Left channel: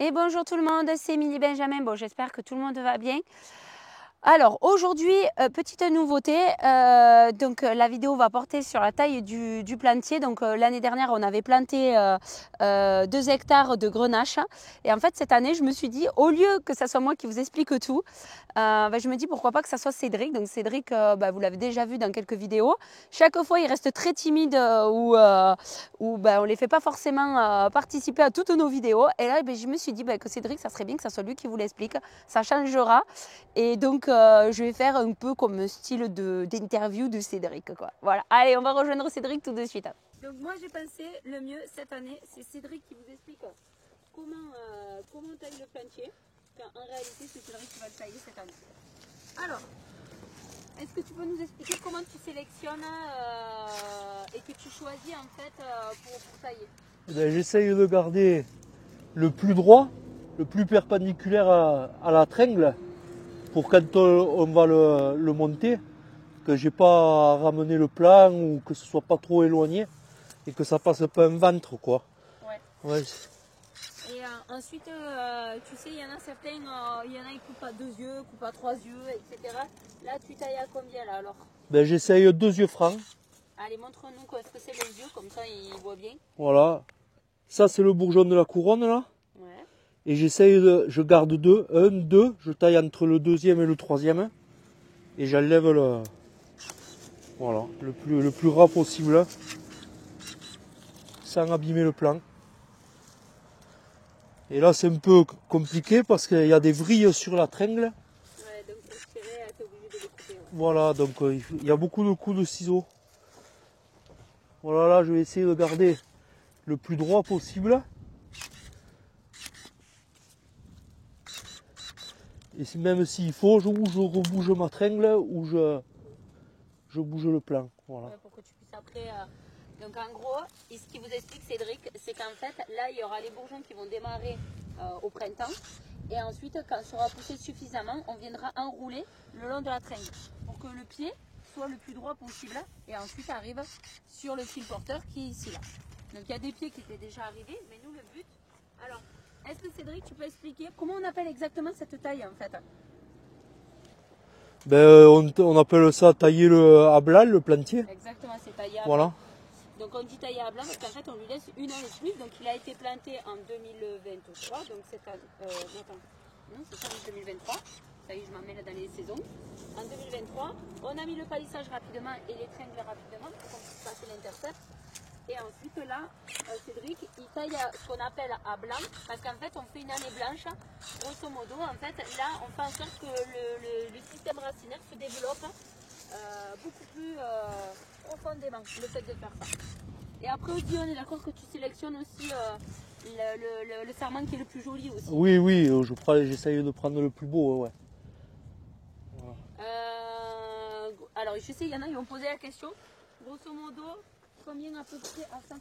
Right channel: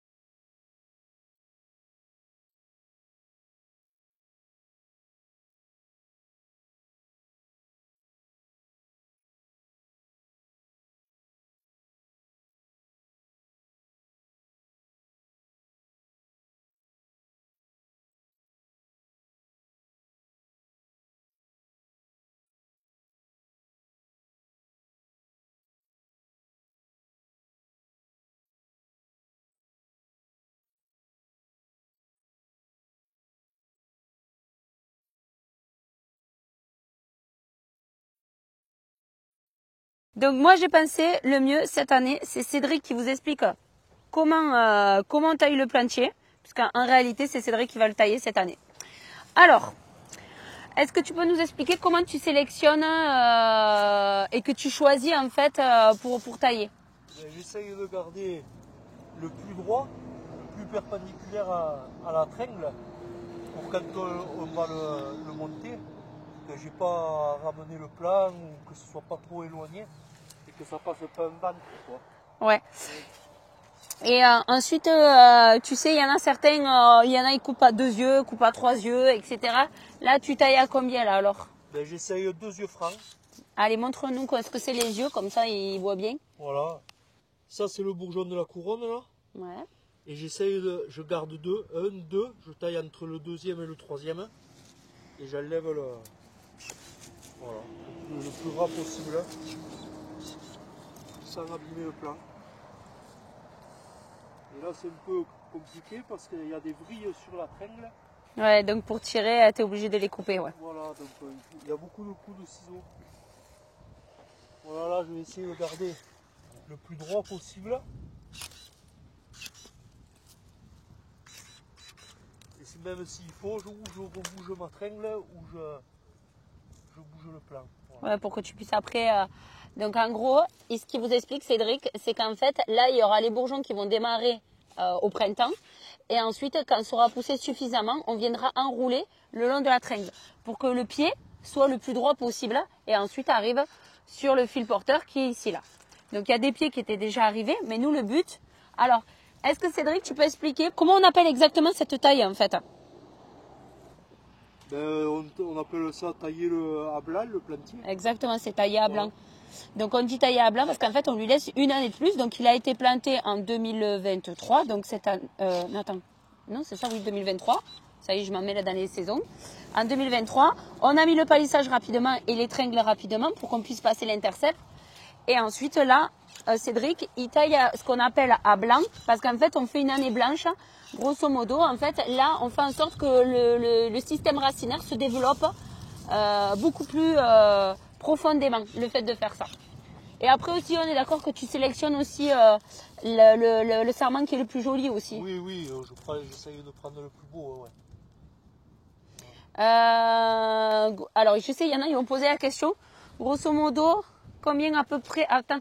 Et bonjour tout le monde, c'est Émilie Benjamin. Bon, j'espère que tout le monde va bien. Alors aujourd'hui, petite nouveauté, la vidéo va porter sur la taille du plantier. Donc l'année dernière, on avait planté 2 hectares de grenache. Et en fait, cette année, je me suis dit, au lieu que ça soit moi qui vous explique tout, je me dis pourquoi pas que ça soit Cédric. Donc Cédric, vous l'avez déjà vu dans quelques vidéos. Chaque fois, il reste très timide ou on ne les fait pas forcément participer à toutes nos vidéos. Et là, je me suis dit que Cédric, ça serait bien que ça soit lui qui vous l'explique. Ça changera. Et donc, je vais faire un peu comme style d'interview de Cédric, quoi. Voilà. Allez, on va rejoindre Cédric tout de suite. Donc, moi, j'ai pensé, le mieux cette année, c'est Cédric qui vous explique comment taille le plantier. Parce qu'en réalité, c'est Cédric qui va le tailler cette année. Alors, est-ce que tu peux nous expliquer comment tu sélectionnes et que tu choisis en fait pour tailler? J'essaye de garder le plus droit, le plus perpendiculaire à la tringle pour quand on va le monter, que j'ai pas à ramener le plan ou que ce soit pas trop éloigné et que ça passe pas un ventre quoi. Ouais. Ouais. Et ensuite, tu sais, il y en a certains, il y en a ils coupent à 2 yeux, coupent à 3 yeux, etc. Là, tu tailles à combien là alors? J'essaye 2 yeux francs. Allez, montre-nous ce que c'est les yeux, comme ça ils voient bien. Voilà. Ça c'est le bourgeon de la couronne là. Ouais. Et je garde 2, 1, 2, je taille entre le deuxième et le troisième. Et j'enlève le plus ras possible sans abîmer le plan. Et là c'est un peu compliqué parce qu'il y a des vrilles sur la tringle. Ouais, donc pour tirer, tu es obligé de les couper, ouais. Voilà, donc il y a beaucoup de coups de ciseaux. Voilà, là je vais essayer de garder le plus droit possible. Et même s'il faut, je rebouge ma tringle ou je bouge le plan. Voilà. Ouais, pour que tu puisses après. Donc en gros, ce qui vous explique Cédric, c'est qu'en fait, là, il y aura les bourgeons qui vont démarrer au printemps. Et ensuite, quand ça sera poussé suffisamment, on viendra enrouler le long de la tringle pour que le pied soit le plus droit possible. Et ensuite arrive sur le fil porteur qui est ici là. Donc il y a des pieds qui étaient déjà arrivés, mais nous le but. Alors, est-ce que Cédric, tu peux expliquer comment on appelle exactement cette taille en fait? On appelle ça tailler à blanc, le plantier. Exactement, c'est taillé à Voilà. blanc. Donc on dit taillé à blanc parce qu'en fait on lui laisse une année de plus. Donc il a été planté en 2023. Donc c'est attends, non c'est ça oui 2023. Ça y est, je m'en mets là dans les saisons. En 2023, on a mis le palissage rapidement et les tringles rapidement pour qu'on puisse passer l'intercept. Et ensuite là, Cédric, il taille ce qu'on appelle à blanc parce qu'en fait on fait une année blanche. Grosso modo, en fait là on fait en sorte que le système racinaire se développe beaucoup plus profondément, le fait de faire ça. Et après aussi, on est d'accord que tu sélectionnes aussi le sarment qui est le plus joli aussi. Oui, j'essaye de prendre le plus beau, ouais. Alors, je sais, il y en a qui ont posé la question. Grosso modo, combien à peu près... Attends,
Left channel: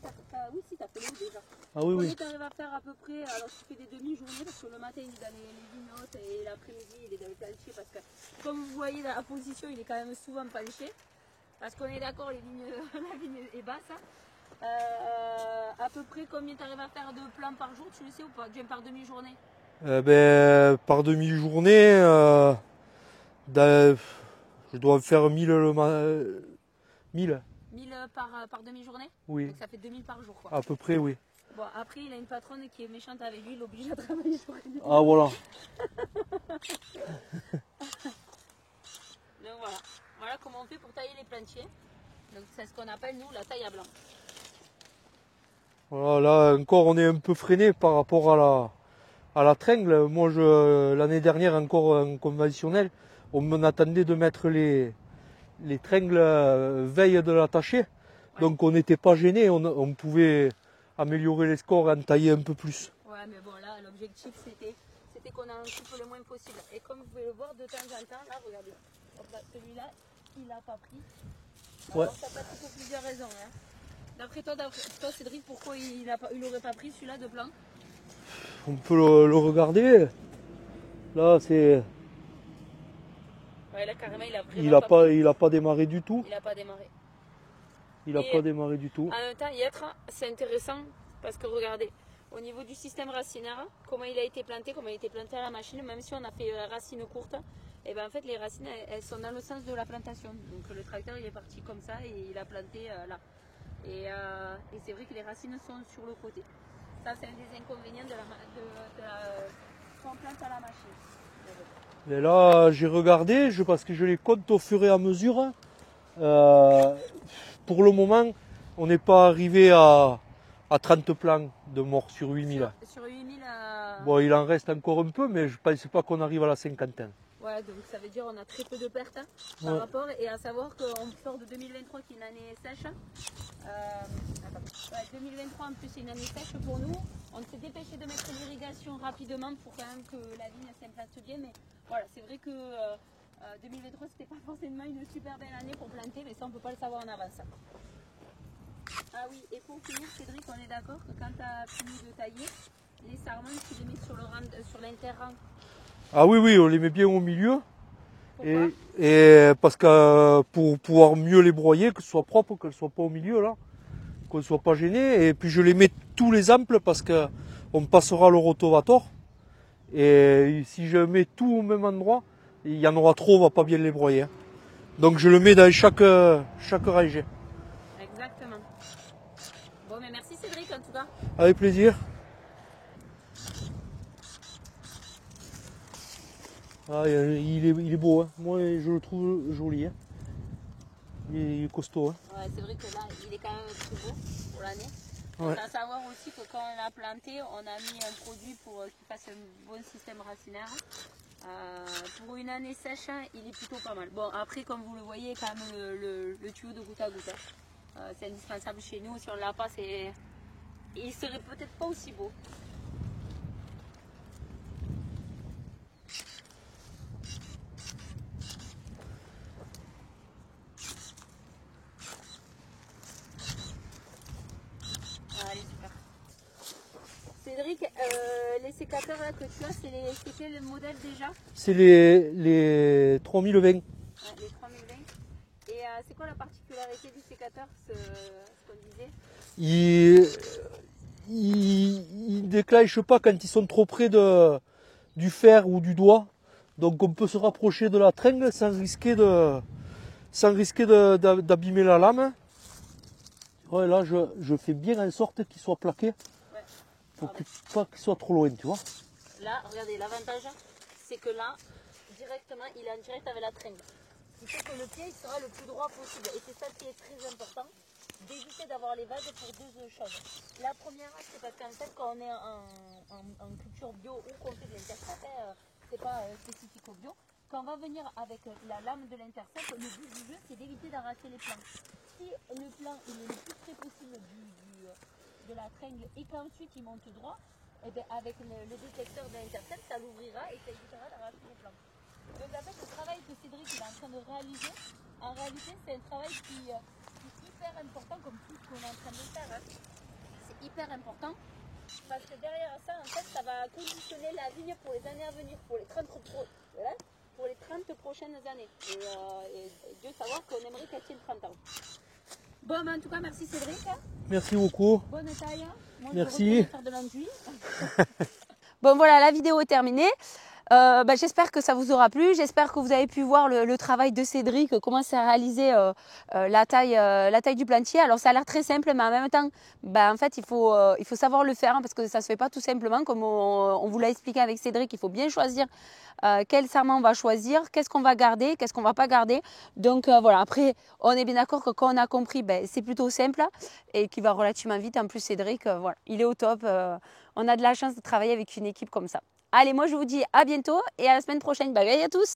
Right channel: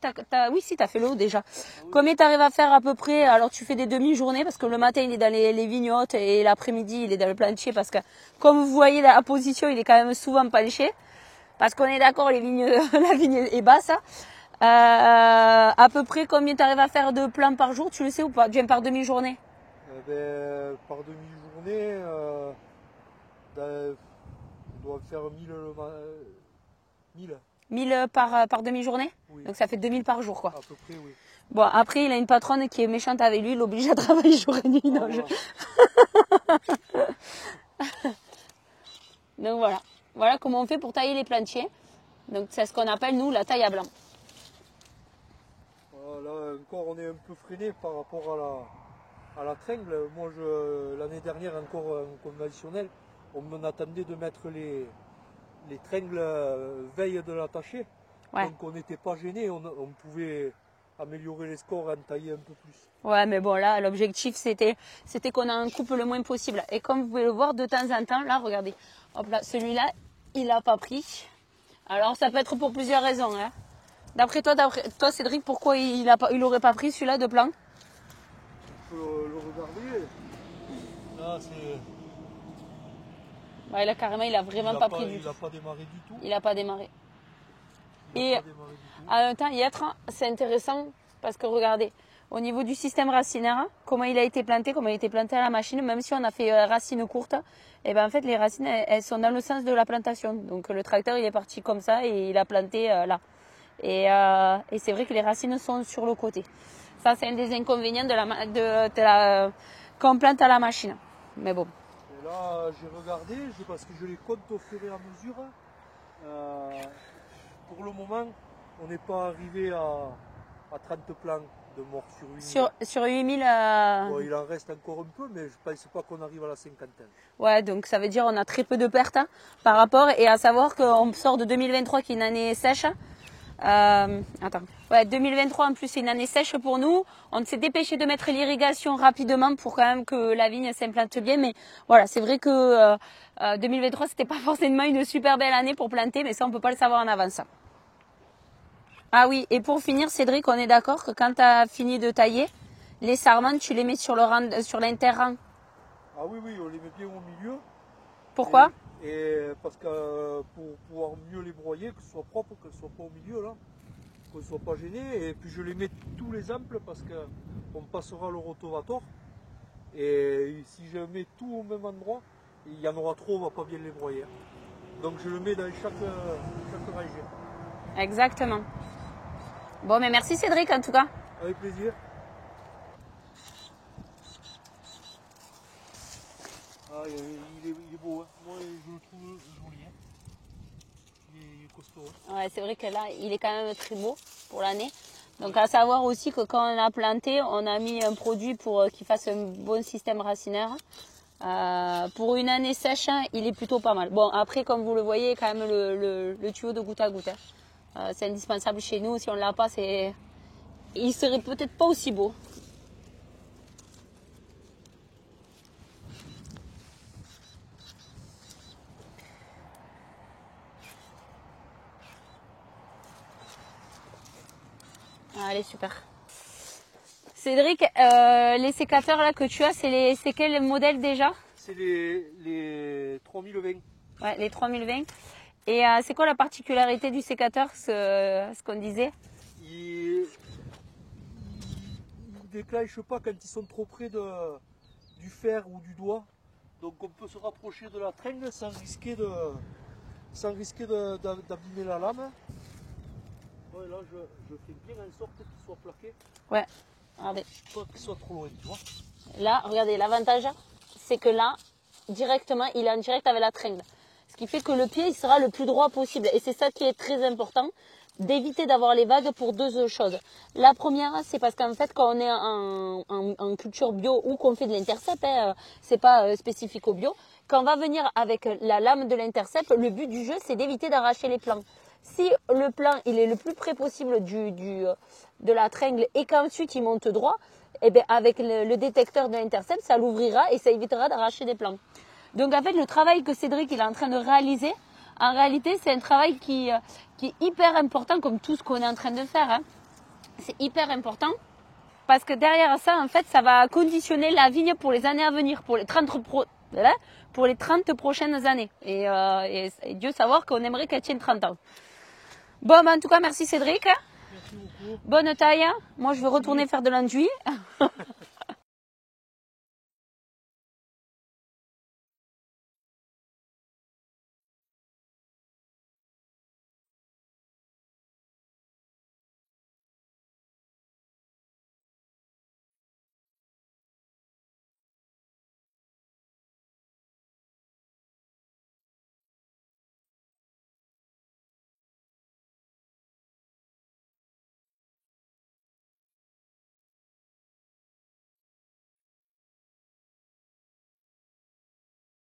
oui, si, tu as fait le haut déjà. Ah oui, Combien oui. tu arrives à faire à peu près? Alors, tu fais des demi-journées parce que le matin, il est dans les vignottes et l'après-midi, il est dans le plantier parce que, comme vous voyez, la position, il est quand même souvent penché. Parce qu'on est d'accord, la vigne est basse. À peu près combien tu arrives à faire de plants par jour, tu le sais ou pas? Bien par demi-journée? Par demi-journée, je dois faire 1000. 1000 par demi-journée? Oui. Donc ça fait 2000 par jour, quoi. À peu près, oui. Bon, après, il a une patronne qui est méchante avec lui, il l'oblige à travailler jour et nuit. Ah voilà. Donc voilà. Voilà comment on fait pour tailler les plantiers. Donc c'est ce qu'on appelle, nous, la taille à blanc. Voilà, là encore on est un peu freiné par rapport à la tringle. Moi l'année dernière encore en conventionnel, on m'attendait de mettre les tringles veille de l'attacher. Ouais. Donc on n'était pas gêné, on pouvait améliorer les scores et en tailler un peu plus. Ouais, mais bon, là, l'objectif, c'était qu'on en coupe le moins possible. Et comme vous pouvez le voir, de temps en temps, là, regardez, hop là, celui-là, il n'a pas pris. Alors, ça peut être pour plusieurs raisons. Hein. D'après toi, Cédric, pourquoi il n'aurait pas pris celui-là de plan? On peut le regarder. Là, c'est... Ouais, là, carrément, il a vraiment pas pris. Il n'a pas démarré du tout. Il n'a pas démarré. Il n'a pas démarré du tout. En même temps, c'est intéressant parce que regardez, au niveau du système racinaire, comment il a été planté, à la machine, même si on a fait racines courtes, et ben en fait les racines elles sont dans le sens de la plantation. Donc le tracteur il est parti comme ça et il a planté là. Et c'est vrai que les racines sont sur le côté. Ça c'est un des inconvénients quand on plante à la machine. Mais bon. Et là j'ai regardé, parce que je les compte au fur et à mesure. Pour le moment, on n'est pas arrivé à 30 plants de morts sur 8000. Sur 8000. Bon, il en reste encore un peu, mais je ne pensais pas qu'on arrive à la cinquantaine. Ouais, donc ça veut dire qu'on a très peu de pertes par rapport. Et à savoir qu'on sort de 2023 qui est une année sèche. Attends. Ouais, 2023 en plus c'est une année sèche pour nous. On s'est dépêché de mettre l'irrigation rapidement pour quand même que la vigne s'implante bien. Mais voilà, c'est vrai que 2023 c'était pas forcément une super belle année pour planter, mais ça on peut pas le savoir en avance. Ah oui, et pour finir Cédric, on est d'accord que quand tu as fini de tailler, les sarments tu les mets sur l'interrang. Ah oui, on les met bien au milieu. Pourquoi? Et parce que pour pouvoir mieux les broyer, que ce soit propre, qu'elles ne soient pas au milieu là, qu'on ne soit pas gêné. Et puis je les mets tous les amples parce qu'on passera le rotovator. Et si je mets tout au même endroit, il y en aura trop, on ne va pas bien les broyer. Donc je le mets dans chaque rangée. Exactement. Bon, mais merci Cédric en tout cas. Avec plaisir. Ah, il est beau, hein. Moi je le trouve joli. Hein. Il est costaud. Hein. Ouais, c'est vrai que là, il est quand même très beau pour l'année. Donc Ouais. à savoir aussi que quand on a planté, on a mis un produit pour qu'il fasse un bon système racinaire. Pour une année sèche, il est plutôt pas mal. Bon, après, comme vous le voyez, quand même le tuyau de goutte à goutte. C'est indispensable chez nous. Si on ne l'a pas, il serait peut-être pas aussi beau. Allez, super. Cédric, les sécateurs là que tu as, c'est quel modèle déjà? C'est les 3020. Ouais, les 3020. Et c'est quoi la particularité du sécateur, ce qu'on disait? Ils ne déclenchent pas quand ils sont trop près du fer ou du doigt. Donc on peut se rapprocher de la tringle sans risquer d'abîmer la lame. Ouais, là je fais bien en sorte qu'il soit plaqué. Ouais. Pour pas qu'il soit trop loin, tu vois. Là, regardez, l'avantage, c'est que là, directement, il est en direct avec la tringle. Ce qui fait que le pied, il sera le plus droit possible. Et c'est ça qui est très important, d'éviter d'avoir les vagues pour deux choses. La première, c'est parce qu'en fait, quand on est en culture bio ou qu'on fait de l'intercept, c'est pas spécifique au bio, quand on va venir avec la lame de l'intercept, le but du jeu, c'est d'éviter d'arracher les plants. Si le plant, il est le plus près possible de la tringle et qu'ensuite il monte droit, et bien avec le détecteur de l'intercept, ça l'ouvrira et ça évitera d'arracher des plants. Donc en fait, le travail que Cédric il est en train de réaliser, en réalité, c'est un travail qui est hyper important, comme tout ce qu'on est en train de faire. Hein. C'est hyper important parce que derrière ça, en fait, ça va conditionner la vigne pour les années à venir, pour les 30 prochaines années. Et Dieu savoir qu'on aimerait qu'elle tienne 30 ans. Bon, ben, en tout cas, merci Cédric. Merci beaucoup. Bonne taille. Moi, je vais Merci. retourner faire de l'enduit. Bon, voilà, la vidéo est terminée. J'espère que ça vous aura plu. J'espère que vous avez pu voir le travail de Cédric, comment c'est réalisé la taille du plantier. Alors, ça a l'air très simple, mais en même temps, en fait, il faut savoir le faire hein, parce que ça ne se fait pas tout simplement. Comme on vous l'a expliqué avec Cédric, il faut bien choisir quel sarment on va choisir, qu'est-ce qu'on va garder, qu'est-ce qu'on ne va pas garder. Donc, voilà. Après, on est bien d'accord que quand on a compris, c'est plutôt simple et qui va relativement vite. En plus, Cédric, voilà, il est au top. On a de la chance de travailler avec une équipe comme ça. Allez, moi je vous dis à bientôt et à la semaine prochaine. Bye bye à tous!